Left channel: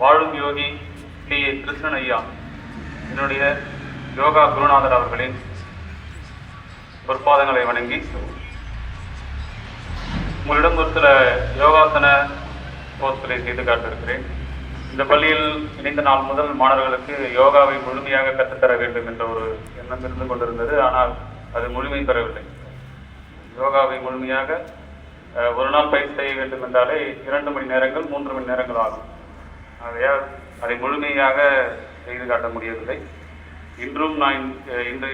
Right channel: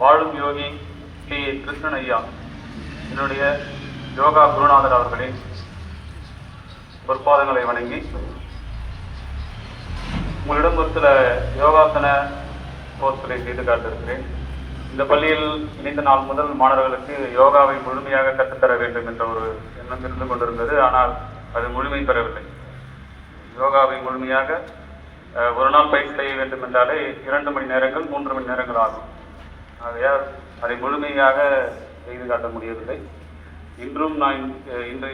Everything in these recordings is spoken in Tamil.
வாழும் யோகி டி கிருஷ்ணன் ஐயா என்னுடைய யோகா குருநாதர் அவர்களின் பொற்பாதங்களை வணங்கி உங்களிடம் ஒரு சில யோகாசன கோர்ஸ்களை செய்து காட்டிருக்கிறேன் இந்த பள்ளியில் இணைந்த நாள் முதல் மாணவர்களுக்கு யோகாவை முழுமையாக கற்றுத்தர வேண்டும் என்ற ஒரு எண்ணம் இருந்து கொண்டிருந்தது. ஆனால் அது முழுமை பெறவில்லை. யோகாவை முழுமையாக ஒரு நாள் பயிற்சி செய்ய வேண்டும் என்றாலே இரண்டு மணி நேரங்கள் மூன்று மணி நேரங்கள் ஆகும். ஆகையால் அதை முழுமையாக செய்து காட்ட முடியவில்லை. இன்றும் நான் இன்று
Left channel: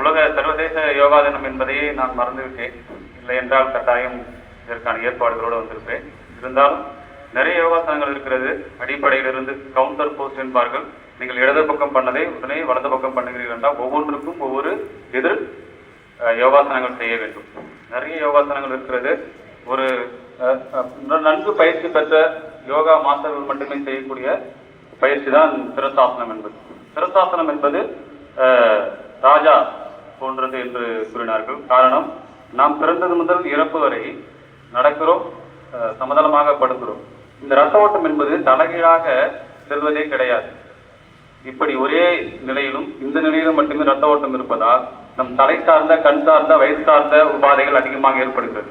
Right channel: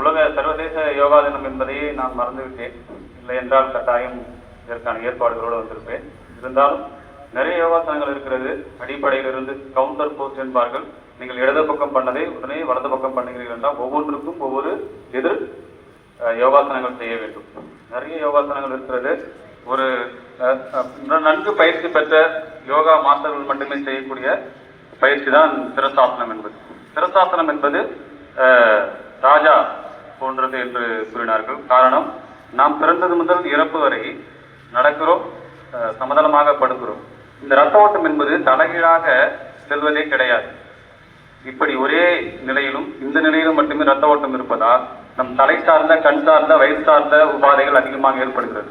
உலக சர்வதேச யோகா தினம் என்பதையே நான் மறந்துவிட்டேன். இல்லை என்றால் கட்டாயம் இதற்கான ஏற்பாடுகளோடு வந்திருப்பேன். இருந்தாலும் நிறைய யோகாசனங்கள் இருக்கிறது. அடிப்படையிலிருந்து கவுண்டர் போஸ்ட் என்பார்கள். நீங்கள் இடது பக்கம் பண்ணதை உடனே வலது பக்கம் பண்ணுகிறீர்கள் என்றால் ஒவ்வொன்றுக்கும் ஒவ்வொரு எதிர் யோகாசனங்கள் செய்ய வேண்டும். நிறைய யோகாசனங்கள் இருக்கிறது. ஒரு நன்கு பயிற்சி பெற்ற யோகா மாஸ்டர்கள் மட்டுமே செய்யக்கூடிய பயிற்சி தான் சிரசாசனம் என்பது. சிரசாசனம் என்பது ராஜா போன்றது என்று கூறினார்கள். காரணம் நாம் பிறந்தது முதல் இறப்பு வரை நடக்கிறோம் சமதளமாக படுக்கிறோம். இந்த ரத்த ஓட்டம் என்பது தலைகீழாக செல்வதே கிடையாது. இப்படி ஒரே நிலையிலும் இந்த நிலையிலும் மட்டுமே ரத்த ஓட்டம் இருப்பதால் நம் தலை சார்ந்த கண் சார்ந்த வயிறு சார்ந்த உபாதைகள் அதிகமாக ஏற்படுகிறது.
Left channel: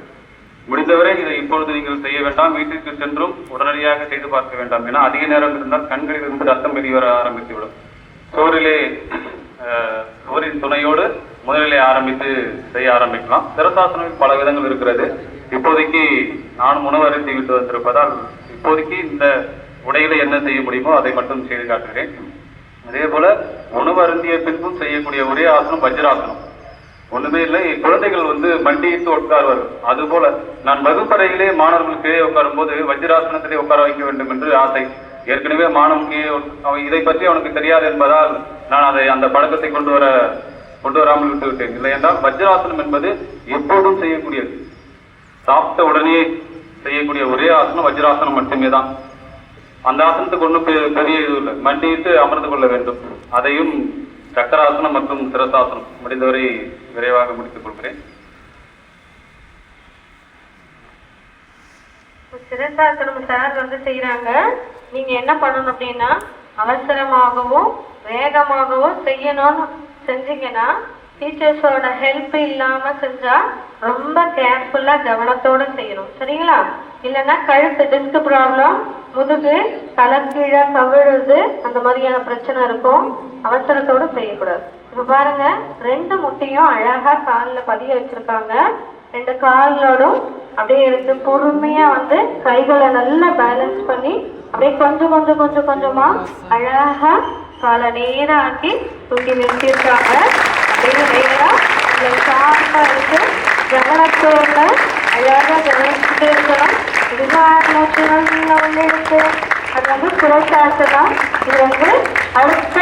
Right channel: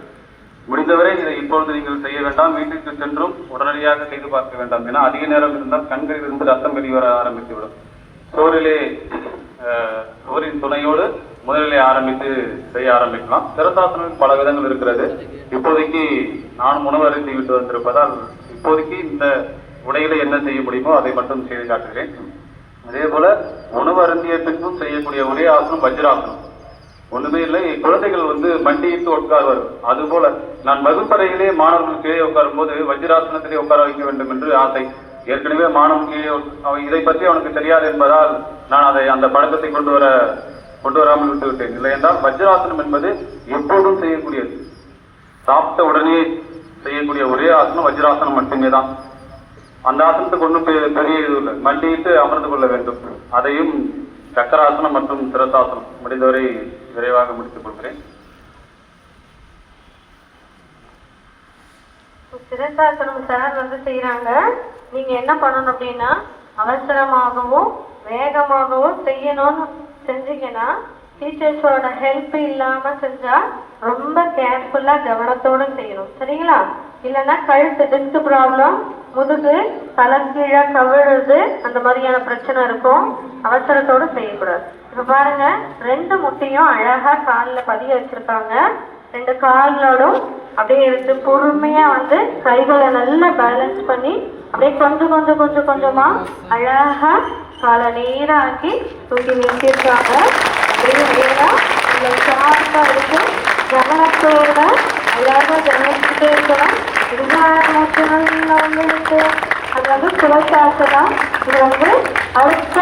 முடிந்தவரை இதை இப்பொழுது நீங்கள் செய்ய வேண்டாம். வீட்டிற்கு சென்றும் உடனடியாக செய்து பார்க்க வேண்டாம் ஏன்னா அதிக நேரம் இருந்தால் கண்களில் இருந்து ரத்தம் வெளியே வர ஆரம்பித்துவிடும். சோறிலே சோரின் துணையோடு முதலிலே ஆரம்பித்து செய்ய ஆரம்பிக்கலாம். சிரசாசனம் பல விதங்கள் இருக்கிறது. இப்போதைக்கு நான் உணவு அருந்தி விட்டு வந்திருப்பதால் இப்போதைக்கு இந்த உடையில என்ன செய்ய முடியுமோ அதை மட்டும் செய்து காட்டுகிறேன். அதே போல உணவு அருந்திய பின்பும் செய்யக்கூடிய ஒரே ஆசனம் வஜ்ராசனம். ஒண்ணுமே இல்லை. குழந்தைகள் வந்து மண்டியிட்டு உட்கார்வார்கள் அது போல நான் வகுப்பறையிலே மாணவர்கள் கீழே உட்காரும் போது வஜ்ராசனத்திலே உட்கார வைக்க வேண்டும் என்று ஆசை. ஏற்கனவே மாணவன் கீழே அவன் இதை பற்றி அவனுக்கு தெரியாது என்பதால் நான் அதை அந்த பழக்கத்தை கொண்டு வர கொண்டு வராமல் விட்டு விட்டேன். இல்லை என்றால் வஜ்ராசனம் என்பது எப்போதும் செய்யக்கூடியது. சாப்பிட்ட உடனே செய்யக்கூடிய ஒரே ஆசனம் வஜ்ராசனம் மட்டுமே தான். அந்த ஆசனத்துக்கு ஒன்றும் பெரிய இது இல்லை. மண்டியிட்டு அமர்ந்து கொள்ள வேண்டும். அதையும் சக்கராசனம் மற்றும் சிரசாசனம் முடிந்தவரை விரைவாக முடித்துக் கொள்கிறேன். சிரசாசனம் சார் வந்து செய்யறாங்க நீங்க என்ன பண்ணணும் அப்படின்னா அவசரமாகவும் வேகமாகவும் செய்யணும்னு செஞ்சீங்கன்னா டீச்சர்ஸோட ஹெல்ப் இல்லாம செஞ்சா ரொம்ப கேர்ஃபுல்லா கவனத்தோட செய்யணும். சரிங்களா? இல்லைன்னா கழுத்து டிஸ்க் ப்ராப்ளம் முதுகு தலைக்கீழ கவிழுது அந்த மாதிரியான பிரச்சனை இருக்கும். அவசரத்தோடு செய்யக்கூடாது. இப்போ பாருங்க ரெண்டு முட்டையும் அழகாக காலில் பதிய வச்சுருக்காங்க. ரெண்டு கால்களோடும் அப்படியே எடுத்து பொறுமையாக வந்து கைகளை நல்லா பேலன்ஸ் பண்ணி அப்படியே கொஞ்சம் கொஞ்சம் கொஞ்சம் கொஞ்சமாக அழகாக காலை நேரம் ஆக்கி தூக்கி நிறுத்தியிருக்காங்க. அப்படியே நேரம் உங்களை ஷார்ப்பா அது வந்து சிவசாசனம் இது வந்து அடுத்த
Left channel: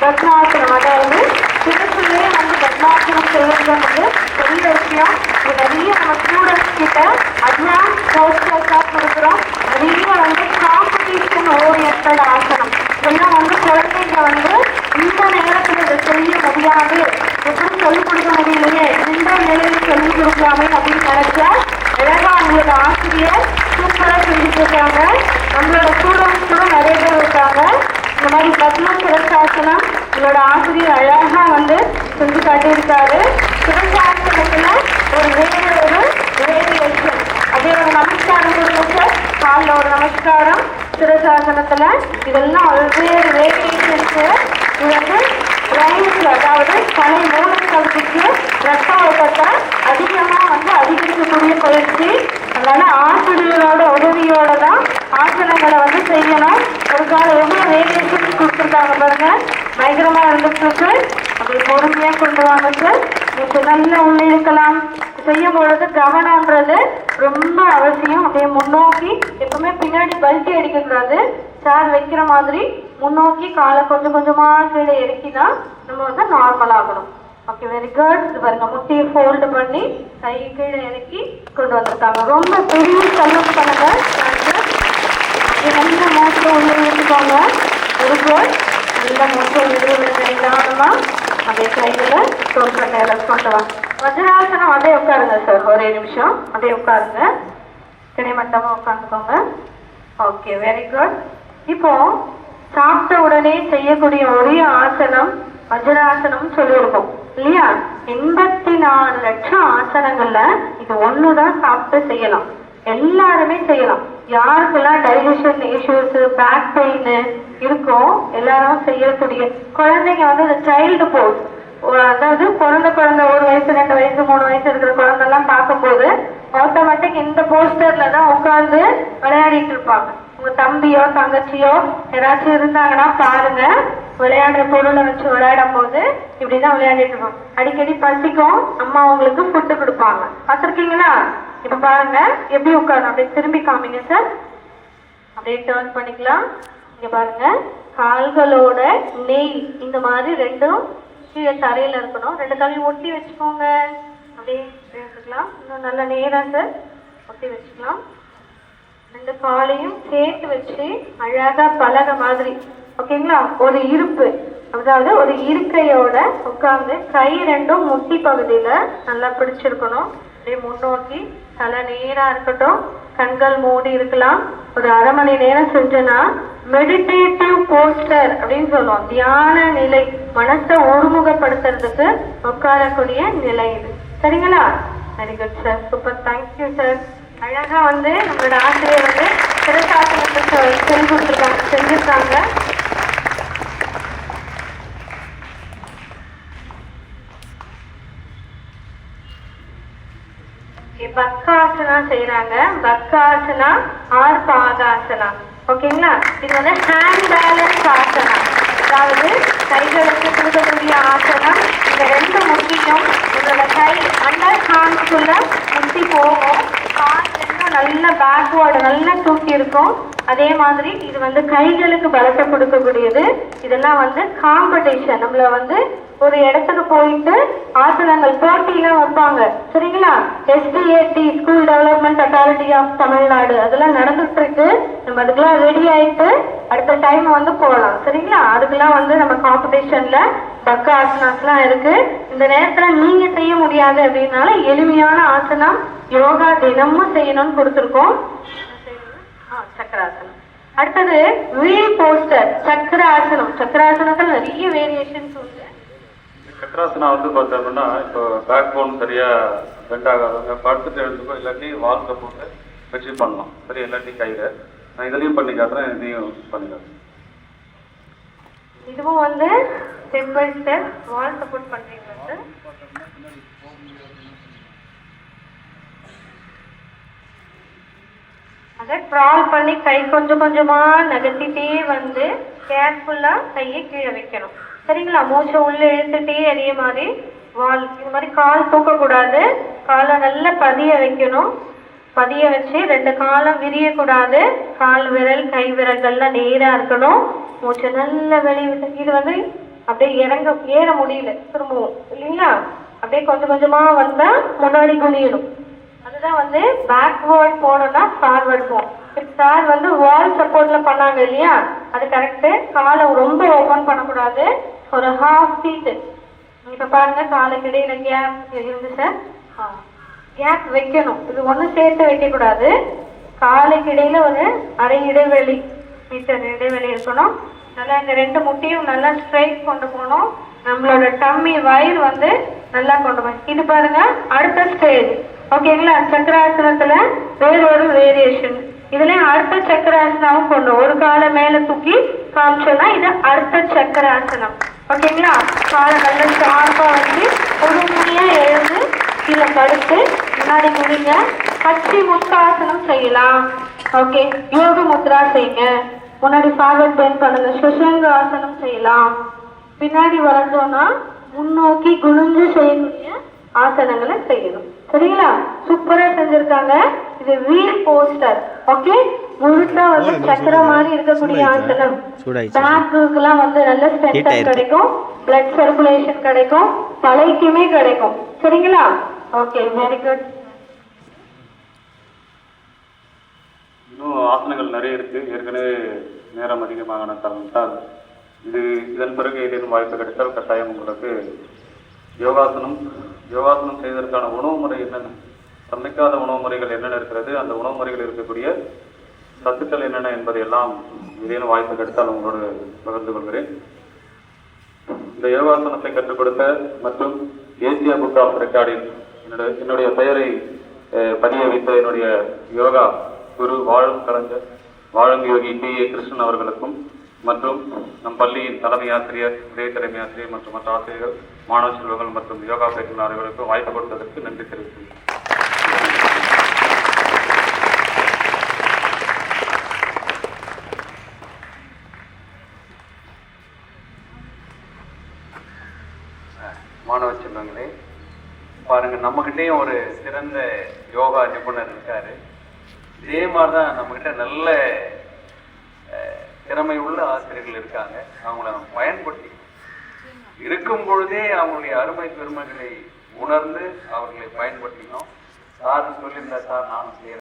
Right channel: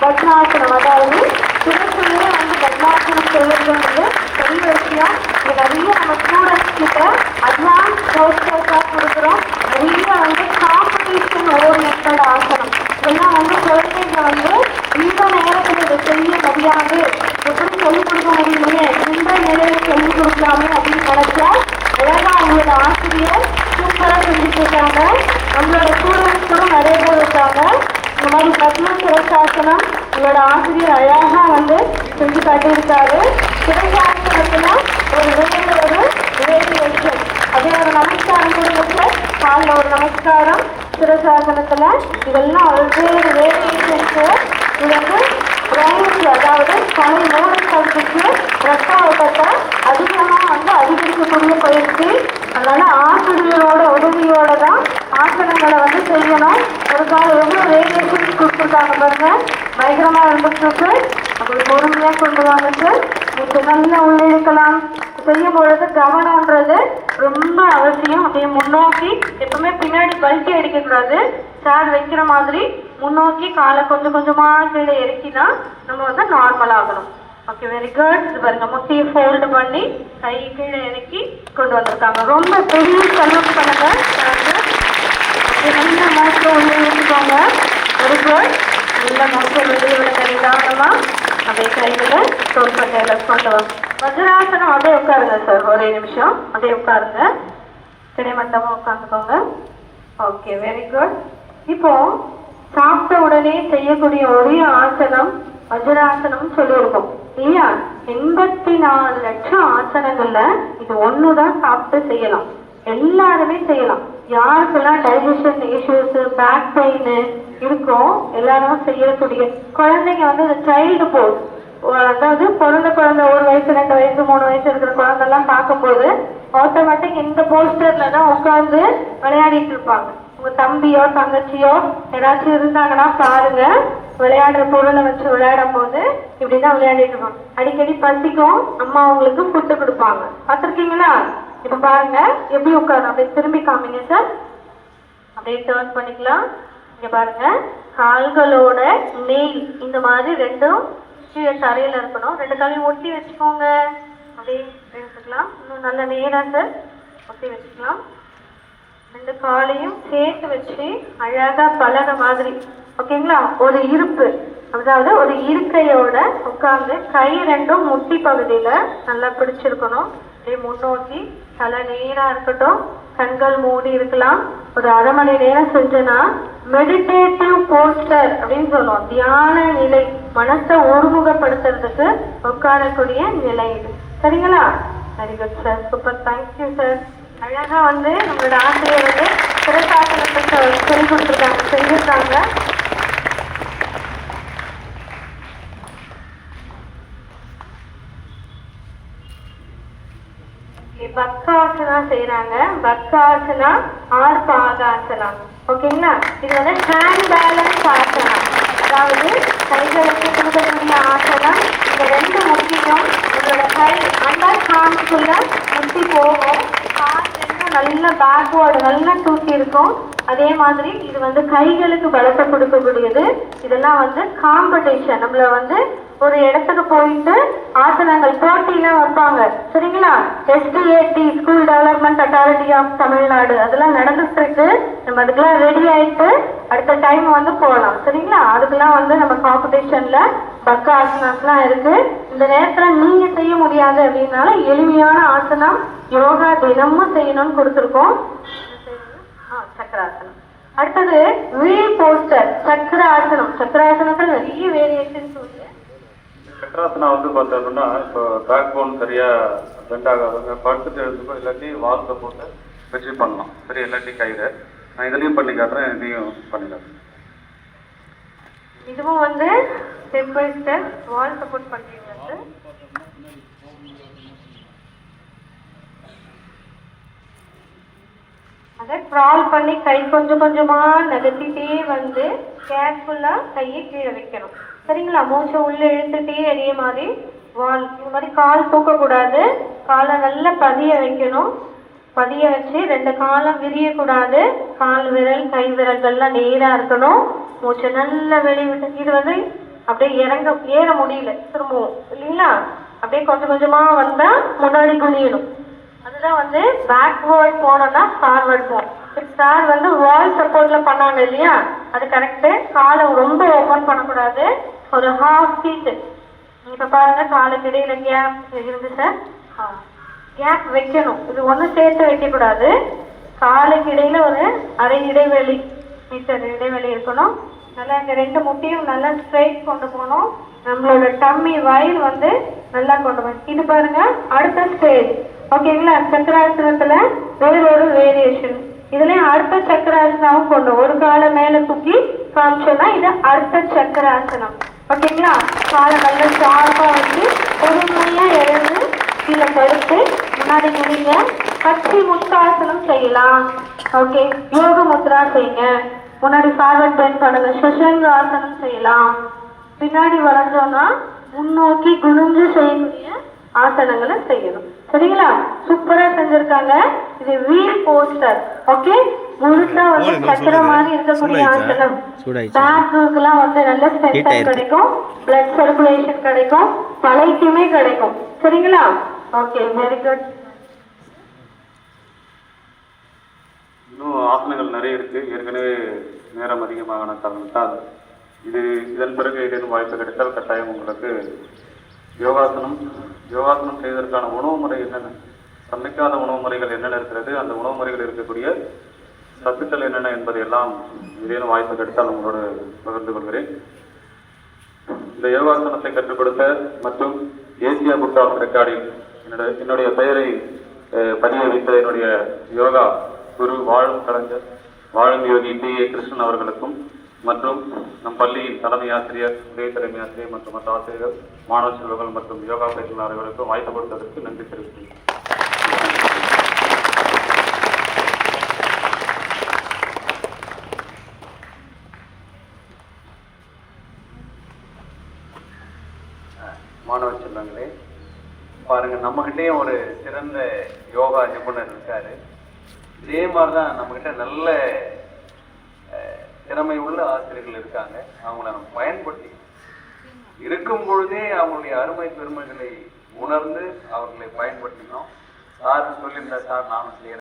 பத்மாசனம் அதாவது சிவசுலே வந்து பத்மாசனம் செய்யறது வந்து பெரிய விஷயம் இது நிறைய நம்ம ஸ்டூடெண்ட்ஸ் கிட்ட அட்வான்ஸ் கோர்ஸஸாக கொடுக்குறோம் நிறைய வந்து காம்படிஷன் ஓரியன்ட் ஆசனம் இதெல்லாம் வந்து குழந்தைங்க வந்து இந்த நேரத்தில் இதை செய்ய முடியாது எப்படி சொல்லிக் கொடுக்க முடியலையே இந்த நிலையில சொல்லிக் கொடுக்கலாமே அப்படின்னு நினைச்சா அழகா அவங்களோட ஆசிரியர் சூப்பராக சொல்லிட்டு இருக்காங்க நம்மளோட ஸ்டூடெண்ட்ஸ் கூட நிறைய பேர் இருக்காங்க இந்த மாதிரி பத்ம சிவசாசனம் உங்களோட ஆசிரியர் அழகா வந்து செஞ்சு காட்டியிருக்காரு சிவசாசனத்துல ஒரு வேறு ஒரு வேரியேஷன் அப்படியே ஒரு நமஸ்காரம் கொடுங்க காலில் ஒரு நமஸ்காரம் சிவசாசனத்துல இதெல்லாம் வெவ்வேறு வேரியேஷன்ஸ் வந்து பிரைன்ஸ் அதாவது தலை மூலம் கல்விக்கு ரத்த ஓட்டத்தை அதிகமாக வந்து அதிகரிக்கக்கூடிய பயிற்சி. அதனால் ஆசிரியரோட உதவியோட தான் ஆசனங்களை வந்து செய்யணும். அதுக்காக எவ்வளோ வேரியேஷன்ஸ் கொடுத்துருக்காங்க பாருங்க. பயங்கரமாக இருந்துட்டு இருக்கு அது பொறுமையாக கொண்டு வந்துட்டு நீங்க நல்லா உள்ளே இருக்கலாம். செய்யும் பொழுது கவனம்ன்றது ரொம்ப அவசியம். அப்படியே முன்னோக்கி எப்பவுமே பின்னாடி பல்ட்டி அடிக்கக்கூடாது. சார் வைக்கிற மாதிரி முன்னோக்கி காலை கொஞ்சம் கொஞ்சமா கீழே இறக்கினா நம்ம வந்து நார்மல் ஆகணும். ஓகே வெரி குட் இது பாருங்க முட்டியை ஃபோல்டு பண்ணி கை கீழே இறக்கி கொண்டு வந்திருக்காங்க ரொம்ப பெரிய செல்லம் பண்ணுங்க இது நல்ல உள்ள எடுத்துக்கோங்க வெரி குட் நல்ல மாற்றம் வெளியோட நிதானமா அதே கைகளை தோல் பட்டையில கொண்டு வா. வஜ்ராசனம் அப்படியே உட்காருங்க சார் ஒரே நிமிஷம். அப்படியே உட்காருங்க. கிடைமட்டமாக உட்காந்துக்கோங்க. ஓகே வெரி குட் இப்போ சாப்பிட்ட உடனே செய்யக்கூடிய ஒரே ஆசனம் வஜ்ராசனம் சொல்லியிருக்கோம். இல்லையா? எண்பத்தி நாலு லட்சம் ஆசனங்கள்ல இது ஒண்ணுதான் சாப்பிட்டு செய்யலாம். எல்லாருமே செய்யலாம். யாருக்கெல்லாம் டைஜஷன் இஷ்யூஸ் பேக் பெயின் இருக்கோ எல்லாரும் செய்யக்கூடிய குழந்தைங்க வந்து இந்த சைல்டு போஸ் அதாவது குழந்தை குழந்தை ஒரு வயசு ரெண்டு வயசு மூணு வயசு இருக்கிற குழந்தை எல்லாம் பார்க்கும்போது ஆட்டோமேட்டிக் இந்த போஸ்டர்ல தான் உட்கார்ந்து விளையாடிட்டு இருப்பாங்க. உங்க தம்பியோ தங்கச்சியோ யாராச்சும் இருந்தாங்கன்னா பாருங்க. விளையாடுற பொருளை வச்சு விளையாடும் போது இப்படிதான் விளையாடிட்டு இருக்கோம். அடிக்கடி பசிக்கும் அம்மா அவங்களுக்கு ஃபுட்டு கொடுப்பாங்க. பார்த்துருக்கீங்களா? இப்ப பாருங்க எப்படி உட்காரு அப்படியே திரும்பி காமிங்க சார் அப்படியே டேர்ன் பண்ணிக்கலாம். இங்க பாருங்க கால்களோட நெய் இந்த மாதிரி ரெண்டும் கீழே தரையில இருக்கணும். ரெண்டு காலையும் ஒட்டி வச்சுக்கோங்க. அப்படியே எடுத்துக்கலாம். இன்னும் நல்ல நேராக சார் ஒட்டி வச்சுக்கலாம். ரெண்டு காலையும் சேர்த்து வச்சு அழகா பலக மாதிரி ஓகேங்களா ஒரு இருப்பு அதாவது ஒரு இருக்கையோட உட்கார்ந்து கை ரெண்டும் முட்டி பகுதியில நல்லா பிடிச்சிருக்கணும். அப்படியே முன்னோக்கி தலை நேரா இருக்கட்டும் கண்கள் மூடி இருக்கலாம். ஒரு அரை மணி நேரம் செஞ்சோன்னா மெடிடேட்டிவ் போஸ்டர் அப்படின்னு சொல்லுவோம். தியான நிலை மனசை ஒருமுகப்படுத்துறதுக்கு உட்காரக்கூடிய நிலை இது. சரிங்களா? Very good sir super thank you sir அழகா வந்து நம்மளோட ஆசிரியர் வந்து சிறசாசனத்தை சொல்லி கொடுத்துருக்காங்க செஞ்சிருக்காங்க. பக்காசனா செய்யறாங்க பக்காசனா ஆர் பாதாசனா ஓகேங்களா? இது வந்து ஹேண்ட் பேலன்ஸ் ஆசனா. அதாவது கைகளுக்கு கொடுக்கக்கூடிய ஆசனம் இந்த ரெண்டு முக்கியம் இதோட கை அண்டர் ஹார்ம்ஸ்குள்ள முட்டி போகும் கால் ரெண்டும் நல்ல பேக்வேர்டு நல்லா தூக்கி இருக்கும் அதே மாதிரி இது வந்து கைகளுக்கு பலத்தை கொடுக்கக்கூடியது. இதெல்லாம் வந்து காம்படிஷன் நம்மள வந்து ஒரு இடத்துக்கு போயிட்டு ஆசனங்கள் போட்டியெல்லாம் வைப்பாங்க. சரிங்களா? SDAT school development authority of Tamil Nadu அதெல்லாம் நடந்துட்டு இருக்கு. நம்ம அதுக்கெல்லாம் ரெடி ஆயிட்டு அடுத்த டைம் வந்து போகலாம் சரிங்களா? அதுக்கெல்லாம் வந்து நம்ம காம்படிஷன்ல பக்க ஆசனாஸ்லாம் இருக்கு. இந்த நேரத்துல நீங்க செய்ய முடியாது அப்படின்னால எளிமையான ஆசனம் யோகா தினமும் செய்யணும்னு கொடுத்துருக்கோம். சக்கராசனம். அடுத்தது வீல் போஸ்டர் சக்கராசனம். சக்கராசனத்தில் நிறைய வேரியேஷன்ஸ் உண்டு. சக்கராசனா வந்து பார்த்தோம்னா இப்போ பேக் போன் சரியா பெண்ட் ஆகாதவங்க படுத்துட்டு எழுந்துக்கோ இல்லாட்டி வால்ல போட்டு வச்சு பண்ணலாம். சரி இல்லாட்டி கையில. நான் இதுலயும் பண்ணி காட்டுறேன் இதையும் பண்ணி காட்டுறேன். இதுவும் வந்து step by step wall support பண்றீங்க சார் அதை க்ரால் பண்ணி கை கொஞ்சம் கொஞ்சமாக நகர்த்திட்டே வந்து கேர்ஃபுல்லாக கையை கீழே வைக்கணும். சரிங்களா? மூச்சை உள்ளே இழுத்துட்டே அதே மாதிரி வால் இது மாதிரி கால் தூக்கக்கூடாது. காலை நல்லா பதிய வைக்கணும். பதிய வச்சு ரெண்டு காலம் விரியக்கூடாது. கால் விரல் கை விரல்கள்லாம் நேராக இருக்கணும். மூச்சை நல்லா வெளியே விட்டு இது வந்து அப்படியே இறங்க ஏற முடியல. திரும்பவும் இல்லைங்களா? அப்படியே கொஞ்சம் கொஞ்சமாக வந்தால் முன்னாடி குனியணும். அதுதான் வந்து பேக்வேர்ட் போனோம்னா ஃபார்வர்ட் போகும் இப்போ சார் வந்து வால் சப்போர்ட்ல பண்ணாங்க இல்லையா? அது கரெக்டு காலை ரொம்ப ஓப்பன் பண்ணக்கூடாது. ஒரு ஹாஃப் ஃபீட் இப்போ பாருங்க காலுக்கு இடையில கேப் இருந்து சார் கேப் வைக்கணும். இது ஒன்றும் சேர்த்து வைக்கக்கூடாது. காலுக்கு இடையில ஒரு அரை இடைவெளி மீட்டர் இடைவெளி இருக்கணும். நல்லா இந்த ரெண்டு முட்டியும் நல்லா ஸ்ட்ரைட் கொண்டு போகணும். நம்மளோட டம்மி வயிறு வந்து நல்லா கொண்டு போகணும். இது பாருங்க அடுத்த ஸ்டேஜ் ஓகேங்களா சக்கராசனத்துல வேற ஒரு வேரியேஷன் இதுல அடுத்த சக்கராசனாவும் போடணும் ஒரு காலை மேல தூக்கி காமிச்சோம்னா இது அடுத்த சக்கராசனம் ஓகேங்களா காலை நல்லா ஷார்ப்பா வந்து பொறுமையா எழுந்து கீழே கருத்து முன்னாடி முடிங்க. கட்சி முக்காசனம் செய்யலாம். ஓகே யோக முத்ரா செய்யுங்க. முன்னாடி ஃபார்வர்ட் பெண்ட் பண்ணுங்க. சுஷங்க ஆசனம் செய்யலாம். பின்னாடி வளர்ந்தோம்னா முன்னோக்கி குனிஞ்சு செய்யக்கூடிய ஆசனங்களை செய்யணும். சரிங்களா? சூப்பரா செஞ்சிருக்காங்க. இது வீல் போஸ்டர் ஓகே முழுசா வந்து சக்கரம் மாதிரி இருக்கக்கூடிய ஆசனம் பேக்குக்கெல்லாம் வந்து நல்ல ஸ்ட்ரென்த். கிடைக்கும். பிளட் சர்க்குலேஷன் கிடைக்கும். தலைக்குமே கிடைக்கும். சரிங்களா? ஓகே வெரி குட் இன்னும் ஆசனங்கள் நிறைய இருக்கு. ஏற்கனவே நேரம் அதிகமான காரணத்தால் இது இதன் பிறகு ஏதேனும் வாய்ப்பு கிடைத்தால் கட்டாயம் உங்களுக்கு யோகாசனம் யோகாசனம் செய்வதற்கான உணவு முறை என்னென்ன? சமைக்காத உணவு முறைகள் என்னென்ன இருக்கிறது? அந்த உணவு முறைகள் இருக்கக்கூடிய சத்துக்கள் என்னென்ன என்பதை எல்லாம் ஏதேனும் வாய்ப்பு கிடைத்தால் உங்களோடு பகிர்ந்து கொள்கிறேன். இந்த யோகாசனத்தை கற்றுக் கொடுத்த மற்றும் தேசிய புக் ஆஃப் ரெக்கார்டில் என்னுடைய என்னுடைய பெயரை அஹ், பதிய வைத்த என்னுடைய யோகா குரு வாழும் கலைஞர் வாழும் யோகி பி ஏ கிருஷ்ணன் அவர்களுக்கும் மற்றும் நம் பள்ளியின் தலைமை ஆசிரியர் உதவி தலைமை ஆசிரியர் மற்றும் மற்ற ஆசிரியர்கள் மாணவ செல்வங்கள் மற்றும் யோகா பயிற்றுநர்களுக்கும் வாய்ப்பு கொடுத்ததற்கு நன்றி தெரிவித்துள்ளேன் மாணவ செல்வங்களே பாருங்க நம்மகிட்டயும் ஒரு சிறந்த யோகா நிபுணர் இருக்காரு. இதே மாதிரிதான் நம்மகிட்ட நல்ல திறமை உள்ள ஆசிரியர்கள் இருக்காங்க. அவங்கள நம்ம பயன்படுத்தி இருக்கும் பொழுதே அவங்களுடைய அருமை பெருமைகளை உணர்ந்து அவர்களை பயன்படுத்தினோம் சார் சொல்லியிருந்தா சார் நானும் செய்யறேன்